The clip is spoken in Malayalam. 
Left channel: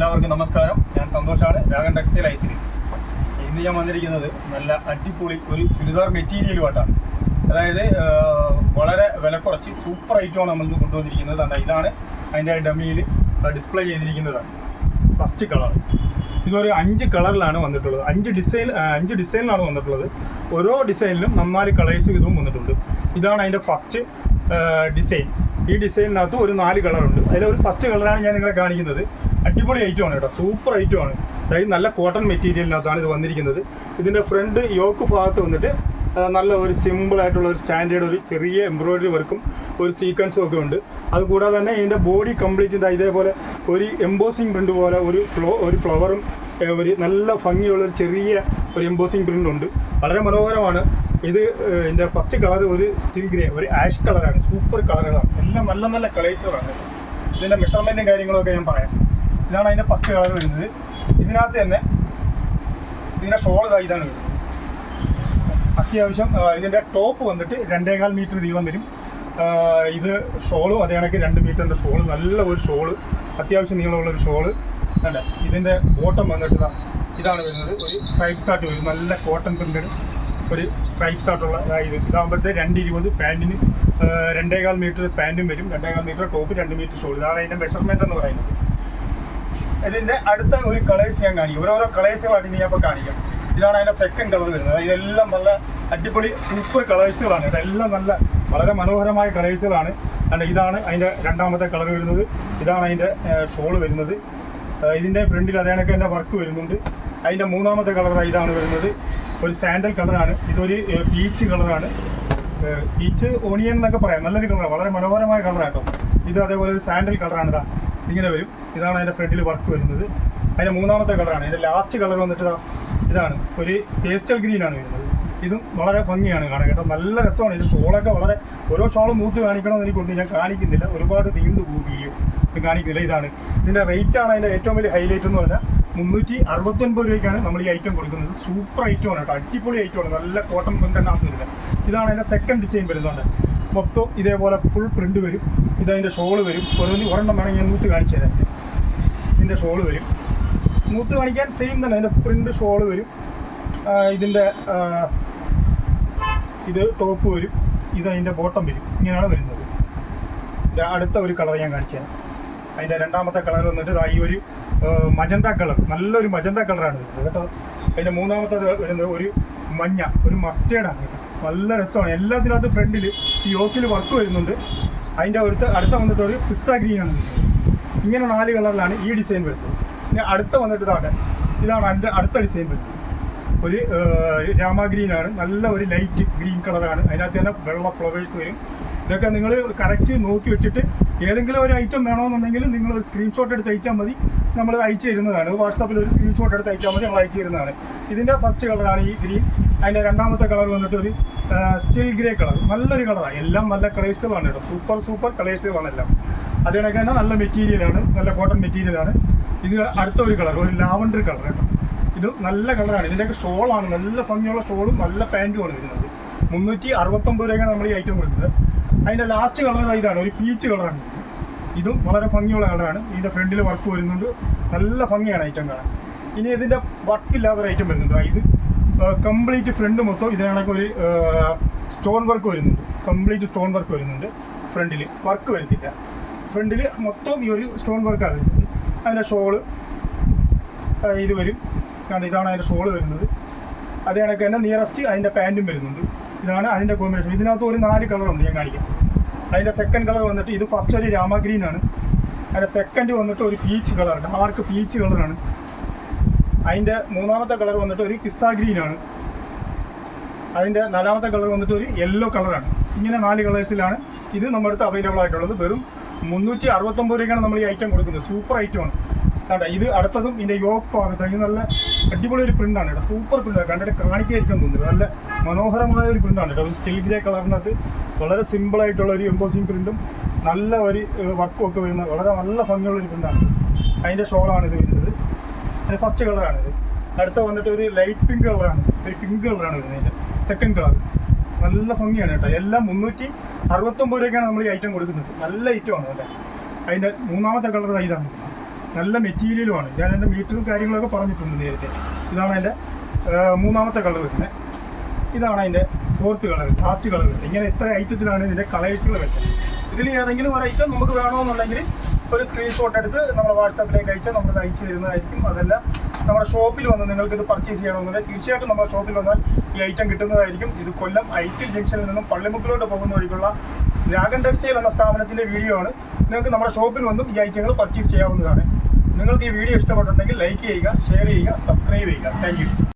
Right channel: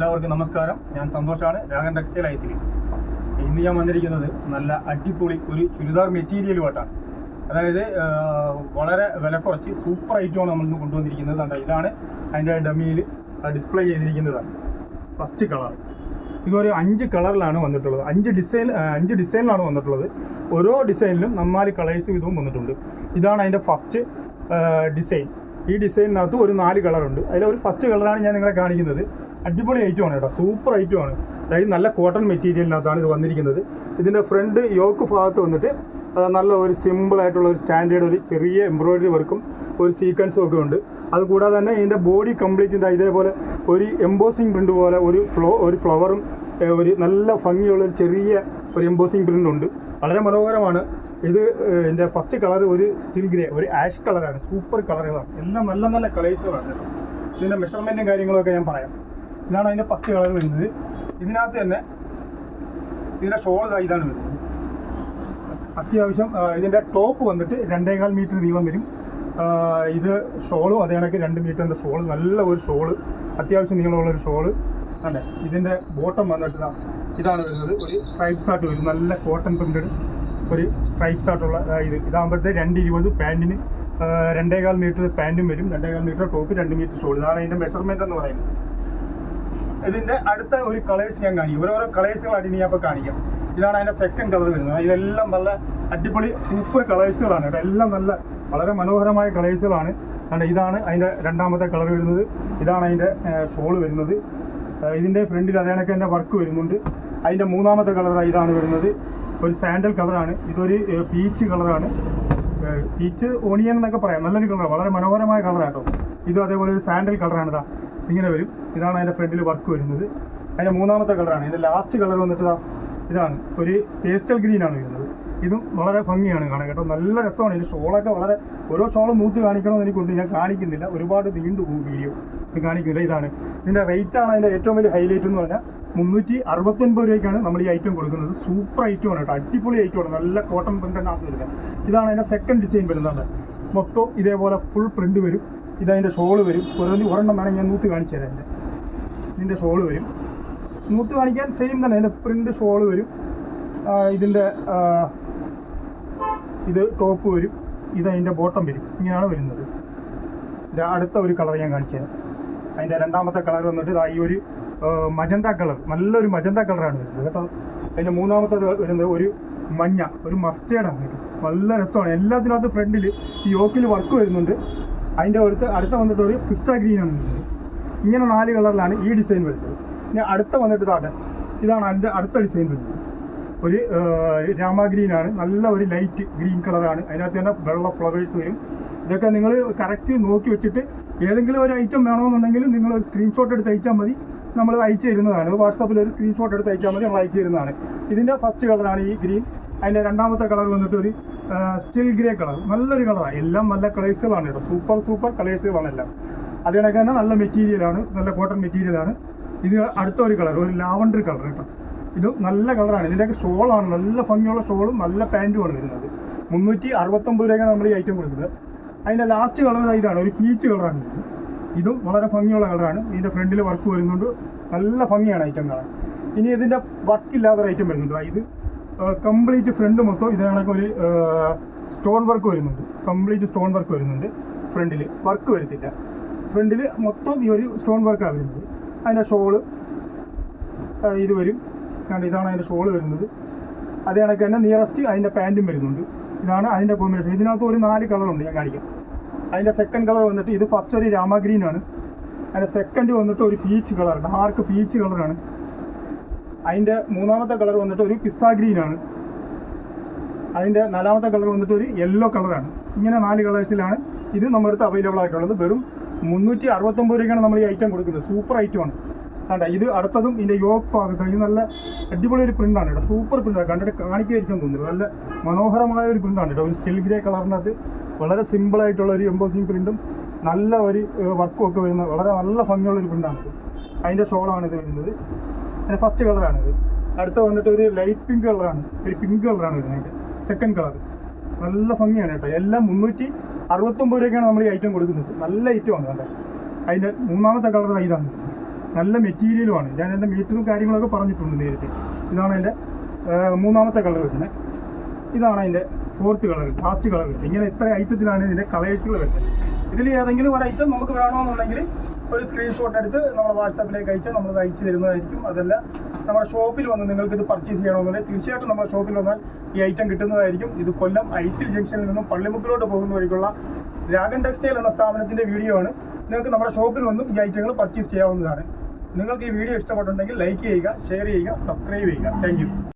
എല്ലാവർക്കും നമസ്കാരം. ഞാൻ സന്തോഷാണ്, രാഗൻ ടെക്സ്റ്റൈൽ ഐത്തിരി. ഇന്ന് ഞാൻ വന്നിരിക്കുന്നത് നല്ല അടിപൊളി ഒരു ചുരിദാർ മെറ്റീരിയലുമായിട്ടാണ്. അതായത് വളരെ വില കുറച്ച് സൂപ്പർ ഐറ്റമാണ് നമ്മളിന്ന് കൊണ്ടുവന്നിരിക്കുന്നത്. ഇതാണ് അതിൻ്റെ ഡമ്മിയിൽ ഡിസ്പ്ലേ ചെയ്തിരിക്കുന്നതാണ്. ഫസ്റ്റ് കളർ ഇതൊരു 5 കളറിലാണ് വന്നിട്ടുള്ളത്. 5 ഡിസൈനിലാണ് വന്നിട്ടുള്ളത്. ഓരോ ഡിസൈനിലും 4 കളേഴ്സ് ഇതും വന്നിട്ടുണ്ട്. ഇതാണ് അതിൻ്റെ ഫസ്റ്റ് ഡിസൈൻ. ഈ ഡിസൈനിനകത്ത് ഒരു 4 കളറുണ്ട്. അതിലൊരു ഫസ്റ്റ് കളറാണ് ഞാൻ നിങ്ങളെ കാണിക്കുന്നത്. അടിപൊളി ഐറ്റമാണ് കേട്ടോ, സൂപ്പർ ഐറ്റമാണ്. അതായത് നല്ല കോട്ടൺ മെറ്റീരിയലിനകത്താണ് ഇത് വന്നിരിക്കുന്നത്. ഇതിൻ്റെ ഫ്രണ്ട് യോക്ക് ഭാഗത്ത് വന്നിട്ട് നല്ല ഒരു സിമ്പിളായിട്ടുള്ള ഒരു സ്റ്റാൻഡേർഡ് ഒരു ചെറിയ എംബ്രോയിഡറി വർക്കും ഒരു സീക്വൻസും ഒക്കെ ഉണ്ട്. അതുകൂടാതെ തന്നെ ഇതിൻ്റെ ബോഡി കംപ്ലീറ്റ് ഇതേപോലെ ഒരു എംബോസിങ് പ്രിൻ്റ് പോലെ ഒരു ഫ്ലവറും ഒരു നല്ല ഭംഗിയുള്ളൊരു ചെറിയ ഒരു എംബോസിങ് പ്രിൻ്റ് ഉണ്ട്. വളരെ മനോഹരമാണ്. ഇത് എൻ്റെ ഫസ്റ്റ് കളർ ഒരു സ്റ്റിൽ ഗ്രേ, ഒരു ആഷ് കളറാണ്. സൂപ്പർ കളറുകളാണ്, എല്ലാം നല്ല നല്ല കളേഴ്സുകളാണ്. ഇതിൻ്റെ മെഷർമെൻറ്റും കാര്യങ്ങളൊക്കെ ഞാൻ പറയാം. ഇതാണ് അതിൻ്റെ ഫസ്റ്റ് കളർ വരുന്നത്. ഇതിനകത്ത് തന്നെ ഇതിൻ്റെ ഷോൾ ഇതാണ് വരുന്നത്. അത്യാവശ്യം ഇതിൻ്റെ ടോപ്പ് വന്നിട്ട് 2.25 മീറ്റർ നീളം വരും. ഇത് ഷോളും അതേ കണക്ക് 2 മീറ്ററിൻ്റെ ഷോള്, നല്ല ഒരു ഷോള്, അത്യാവശ്യം നീളമുള്ളൊരു ഷോള്. അല്ലേ, ഇതിൻ്റെ ബോട്ടം വന്നിട്ട് ഇതാണ് വരുന്നത്. ഒരു സ്ട്രൈപ്സ് ആയിട്ട് വരും, നല്ല കോട്ടൺ പ്രിൻ്റഡ് ഒരു സ്ട്രൈപ്സ് ആയിട്ടുള്ള ഇതാകുമ്പോഴത്തെ 2.20 പാൻറ്റിന് 2.25 മീറ്റർ പാൻറ്റും വരും, 2.25 മീറ്റർ ടോപ്പ്, 2 മീറ്റർ ഷോൾ. ഇതാണ് അതിൻ്റെ മെഷർമെൻറ്റ് എന്ന് പറയുന്നത്. ഇതിൻ്റെ അടുത്ത ഒരു കളേഴ്സ് ഞാൻ കാണിക്കും. ഓരോരോ കളേഴ്സുകളായിട്ട് ഇനി ഞാൻ ഇപ്പോൾ കാണിക്കാം. ഇതാണ് അതിൻ്റെ സെക്കൻഡ് കളർ വരുന്നത്. ഇതെല്ലാം നല്ല അടിപൊളി സൂപ്പർ കളേഴ്സുകളാണ്. ഇതെല്ലാം നല്ല വളരെ മനോഹരമായ കളേഴ്സുകളാണ്. ഇതാണ് അതിൻ്റെ രണ്ടാമത്തെ കളർ വരുന്നത്. ഇതാണ് അതിൻ്റെ ഷോൾ വരുന്നത്. ഇതിൻ്റെ ഫ്രണ്ടിൽ അതേ കണക്ക് തന്നെ വർക്ക് വരുന്നുണ്ട്. അതിൻ്റെ മൂന്നാമത്തെ കളർ ഇതാണ് വരുന്നത്. ഒരു സാൻഡൽ കളറാണ്. ഇതൊരു പീച്ച് കളറാണ്. പീച്ച് ഓണിയൻ എന്നൊക്കെ പറയാം. നല്ലൊരു കളറാണ്, വളരെ മനോഹരമായ കളറാണ് കേട്ടോ. ഇത് അതേപോലെ ഒരു സാൻഡൽ കളറാണ്. ഇങ്ങനെ വരും. ഇതാണ് അതിൻ്റെ ഫ്രണ്ടിൽ വർക്ക് വരുന്നത്. അതിൻ്റെ മൂന്നാമത്തെ കളറാണ്. അതിൻ്റെ ലാസ്റ്റ് കളർ വന്നിട്ട് ഇതാണ് ഒരു പേസ്റ്റൽ ഗ്രീനാണ് വരുന്നത്. ഇതും വളരെ ഭംഗിയാണ് കാണാൻ കേട്ടോ, നല്ല രസമാണ്. ഇതിൻ്റെ ഷോളൊക്കെ വളരെ ഓരോ ഷോളും നൂത്ത് കാണിക്കണമെന്ന് എനിക്കൊണ്ട് ഞാൻ കാണിക്കുന്നില്ല, ഒരുപാട് നീണ്ടു പോകും വീഡിയോ, കാണിക്കുന്നില്ല. ഇതാണ് ഇതിൻ്റെ റേറ്റാണ്. അതിൻ്റെ ഏറ്റവും വലിയ ഹൈലൈറ്റ് എന്ന് പറഞ്ഞാൽ 369 രൂപയ്ക്കാണ് നമ്മൾ ഈ ഐറ്റം കൊടുക്കുന്നത്. സൂപ്പർ ഐറ്റമാണ് കേട്ടോ, അടിപൊളി ഐറ്റമാണ്, നല്ല കോട്ടൺ പ്രിൻ്റ് വരില്ല. ഇതാണ് അതിൻ്റെ സെക്കൻഡ് ഡിസൈൻ വരുന്നത്. മൊത്തം ഇതേപോലെ ഫുൾ പ്രിൻ്റ് വരും. ഇതതിൻ്റെ ഷോള് വരും. ഒരെണ്ണം വേണമെങ്കിൽ ഞാൻ നൂത്ത് കാണിച്ചു തരാം. ഇതിൻ്റെ ഷോള് വരും, നൂത്ത് കാണിക്കാൻ സെയിം തന്നെ. അതിൻ്റെ പ്രിൻ്റ് ഷോള് വരും. ഇതിൻ്റെ ഇത് ടോപ്പ് വരും. ഇതതിൻ്റെ ബോട്ടം വരും. ഇങ്ങനെയാണ് വരുന്നത്. അടുത്ത ഒരു കളർ ഞാൻ കാണിച്ചു തരാം. അതിൻ്റെ രണ്ടാമത്തെ കളർ വന്നിട്ട് ഈ ഒരു മജന്ത കളർ, നല്ലൊരു മജന്ത കളറാണ് വരുന്നത് കേട്ടോ. അതിൻ്റെ മൂന്നാമത്തെ വരുന്നത് ഒരു മഞ്ഞ, ഒരു മസ്റ്റേർഡാണ് കേട്ടോ, നല്ല രസമാണ്. എല്ലാത്തിനകത്ത് ഫ്രണ്ടിൽ ഈ യോക്കിൽ വർക്ക് വരുന്നുണ്ട്. അതിൻ്റെ അടുത്ത വന്നിട്ട് ഒരു പിസ്ത ഗ്രീനാണ് വരുന്നത്. ഇങ്ങനെ 4 കളറിലാണ് ഈ ഡിസൈൻ വരുന്നത്. പിന്നെ അടുത്ത വന്നിട്ട് ഇതാണ് അതിൻ്റെ അടുത്ത ഡിസൈൻ വരുന്നത്. ഒരു രാമ ഗ്രീനാണ്, നല്ല ഒരു ലൈറ്റ് ഗ്രീൻ കളറാണ്. അതിനകത്ത് തന്നെ വെള്ള ഫ്ലവേഴ്സ് വരും. ഇതൊക്കെ നിങ്ങൾ കറക്റ്റ് നോക്കി വെച്ചിട്ട് ഏതെങ്കിലും ഒരു ഐറ്റം വേണമെന്നുണ്ടെങ്കിൽ നിങ്ങൾ ഒരു സ്ക്രീൻഷോട്ട് എടുത്ത് അയച്ചാൽ മതി, നമ്മൾ അയച്ചു തരുന്നതാണ്. വാട്സാപ്പിൽ ഒരു സ്ക്രീൻഷോട്ട് എടുത്ത് അയച്ചാൽ മതി, നമ്മൾ അയച്ചു തരുന്നതാണ്. ഇതിൻ്റെ ഫസ്റ്റ് കളറാണ് ഈ ഗ്രീൻ. അതിൻ്റെ രണ്ടാമത്തെ കളർ വന്നിട്ട് ഒരു സ്റ്റിൽ ഗ്രേ കളർ, നല്ലൊരു കളറാണ്. എല്ലാം നല്ല കളേഴ്സുകളാണ് കേട്ടോ, സൂപ്പർ കളേഴ്സുകളാണ് എല്ലാം. അത് കണക്ക് തന്നെ നല്ല മെറ്റീരിയലാണ്, നല്ല കോട്ടൺ മെറ്റീരിയലാണ്. ഇത് അടുത്ത ഒരു കളർ, ഒരു ലാവണ്ടർ കളർ കേട്ടോ. ഇത് നല്ല കളറാണ്. ഇതിൻ്റെയൊക്കെ ഷോളാണ്, നല്ല ഭംഗിയുള്ള ഷോളും നല്ല പാൻറ്റുമാണ് വരുന്നത്. 369 രൂപയ്ക്കാണ് നമ്മൾ ഈ ഐറ്റം കൊടുക്കുന്നത്. അതിൻ്റെ ലാസ്റ്റ് കളർ ഇതാണ്, ഒരു പീച്ച് കളറാണ്. ഇതും വളരെ ഭംഗിയുള്ള കളറാണ്. ഇതിൻ്റെ ഫ്രണ്ടിൽ വർക്ക് വരുന്നുണ്ട്, നല്ല ഭംഗിയാണ് ഐറ്റം കാണാൻ. ഇനി ഇതിൻ്റെ വർക്കില്ലാത്തൊരു ഐറ്റം വരുന്നുണ്ട്. ഇത് കംപ്ലീറ്റ് ഫ്രണ്ട് മൊത്തം ഇത് കണക്ക് ഒരു സ്റ്റോൺ വർക്ക് വരുന്നുണ്ട്. കംപ്ലീറ്റ് സ്റ്റോൺ വർക്ക് വരുന്നുണ്ട്. ഫ്രണ്ടിൽ വർക്ക് വരുത്തില്ല, ഫ്രണ്ടിൽ മൊത്തം ഈ ഒരു സ്റ്റോൺ വർക്കാണ് വരുന്നത്. അതിൻ്റെ ഷോള് ഇത് വരും. കാരണം ഇതാണ് അതിൻ്റെ ഷോള് വരുന്നത്. അതേ കണക്ക് തന്നെ നിയറസ്റ്റ് അതിൻ്റെ പാൻറ്റും വരുന്നുണ്ട്. ഇതാണ് അതിൻ്റെ കോമ്പിനേഷൻ. ഇതിനകത്ത് ഒരു 4 കളറുണ്ട്, ഞാൻ കാണിക്കാം. അതിൻ്റെ സെക്കൻഡ് കളർ വന്നിട്ട് ഇത് ഫസ്റ്റ് ഒരു രാമ ഗ്രീനാണ്. അതിൻ്റെ സെക്കൻഡ് വന്നിട്ട് ഒരു പീച്ച് കളർ, ഡാർക്ക് പീച്ച് കളറാണ്. അതിൻ്റെ മൂന്നാമത്തെ കളർ വന്നിട്ട് ഒരു പിസ്ത ഗ്രീനാണ്. അതിൻ്റെ നാലാമത്തെ കളർ വന്നിട്ട് ഒരു യെല്ലോ കളറാണ്. ഇങ്ങനെ 4 കളേഴ്സിലാണ് ഇത് നമ്മുടെ അടുത്ത് അവൈലബിൾ ആയിട്ടുള്ളത്. വെറും 369 രൂപയ്ക്കാണ് നമ്മൾ ഈ ഐറ്റം കൊടുക്കുന്നത്. സൂപ്പർ ഐറ്റമാണ്. ഇത് അടുത്തതും ഇതിൻ്റെ യോക്ക് ഭാഗത്ത് ഇത് നല്ല അടിപൊളി ഒരു പ്രിൻ്റാണ് കേട്ടോ, സൂപ്പർ പ്രിൻ്റാണ്. കണ്ടിട്ട് കാണിക്കായിരിക്കും തോന്നുന്നത്. നല്ല മനോഹരമായ ഒരു പ്രിൻ്റാണ് കേട്ടോ. ഒരു സ്റ്റിൽ ഗ്രേ കളറിനകത്ത് വളരെ സിമ്പിളായിട്ടുള്ള ഒരു എംബോസിങ് പ്രിൻറ്റും നല്ല ഒരു വർക്കും ഒക്കെ വരുന്ന വളരെ നല്ല ഭംഗിയുള്ളൊരു പ്രിൻ്റാണ്. അതിൻ്റെ ഷോളാണ് ഇത് വരുന്നത്. അതിൻ്റെ ഫസ്റ്റ് കളറാണിത്. അടുത്ത വന്നിട്ട് ഒരു ലൈറ്റ് പിങ്ക് കളറാണ്, ഒരു പിങ്ക് കളറാണ് വരുന്നത്. അതിൻ്റെ സെക്കൻഡ് കളർ നല്ല ഭംഗിയാണ് കേട്ടോ. എല്ലാം 369 രൂപയ്ക്കാണ് നമ്മൾ ഈ ഐറ്റം കൊടുക്കുന്നത്. നല്ല ഐറ്റമാണ് കേട്ടോ. അതിൻ്റെ മൂന്നാമത്തെ കളർ ഇതാണ്. നല്ല മെറ്റീരിയലുമാണ്. ഞാൻ എൻ്റെ മീറ്ററും കാര്യങ്ങളൊക്കെ പറഞ്ഞിട്ടുണ്ട് നേരത്തെ. ഇതാണ് അതിൻ്റെ മൂന്നാമത്തെ കളർ വരുന്നത്. ഇതാണ് അതിൻ്റെ ഫോർത്ത് കളർ, ലാസ്റ്റ് കളർ വരുന്നത്. ഇങ്ങനെ ഇത്ര ഐറ്റത്തിലാണ് ഇതിൻ്റെ കളേഴ്സുകൾ വരുന്നത്. ഇതിൽ ഏതെങ്കിലും ഒരു ഐറ്റം നമുക്ക് വേണമെന്നുണ്ടെങ്കിൽ ഒരു സ്ക്രീൻഷോട്ട് എടുത്ത് നമ്മുടെ വാട്സാപ്പിലേക്ക് അയച്ചാൽ നമ്മൾ അയച്ചു തരുന്നതായിരിക്കും. അതല്ല നമ്മുടെ ഷോപ്പിൽ വന്ന് നിങ്ങൾക്ക് ഇത് പർച്ചേസ് ചെയ്യണമെന്നുണ്ടെങ്കിൽ തീർച്ചയായിട്ടും നമ്മുടെ ഷോപ്പിൽ വന്നാൽ ഈ ഐറ്റം കിട്ടുന്നതായിരിക്കും. ഇത് കൊല്ലം ഐറ്റിൽ ജംഗ്ഷനിൽ നിന്നും പള്ളിമുക്കിലോട്ട് പോകുന്ന വഴിക്കുള്ള രാഗൻ ടെക്സ്റ്റൈൽ എന്ന സ്ഥാപനത്തിൻ്റെ വീഡിയോ ആണ്. നിങ്ങൾക്ക് നമ്മുടെ ഷോപ്പിൽ വന്നും ഈ ഐറ്റങ്ങൾ പർച്ചേസ് ചെയ്യാവുന്നതാണ്. നിങ്ങൾക്ക് ഈ വീഡിയോ ഇഷ്ടപ്പെട്ടിട്ടുണ്ടെങ്കിൽ ലൈക്ക് ചെയ്യുക, ഷെയർ ചെയ്യുക, സബ്സ്ക്രൈബ് ചെയ്യുക. Thank you.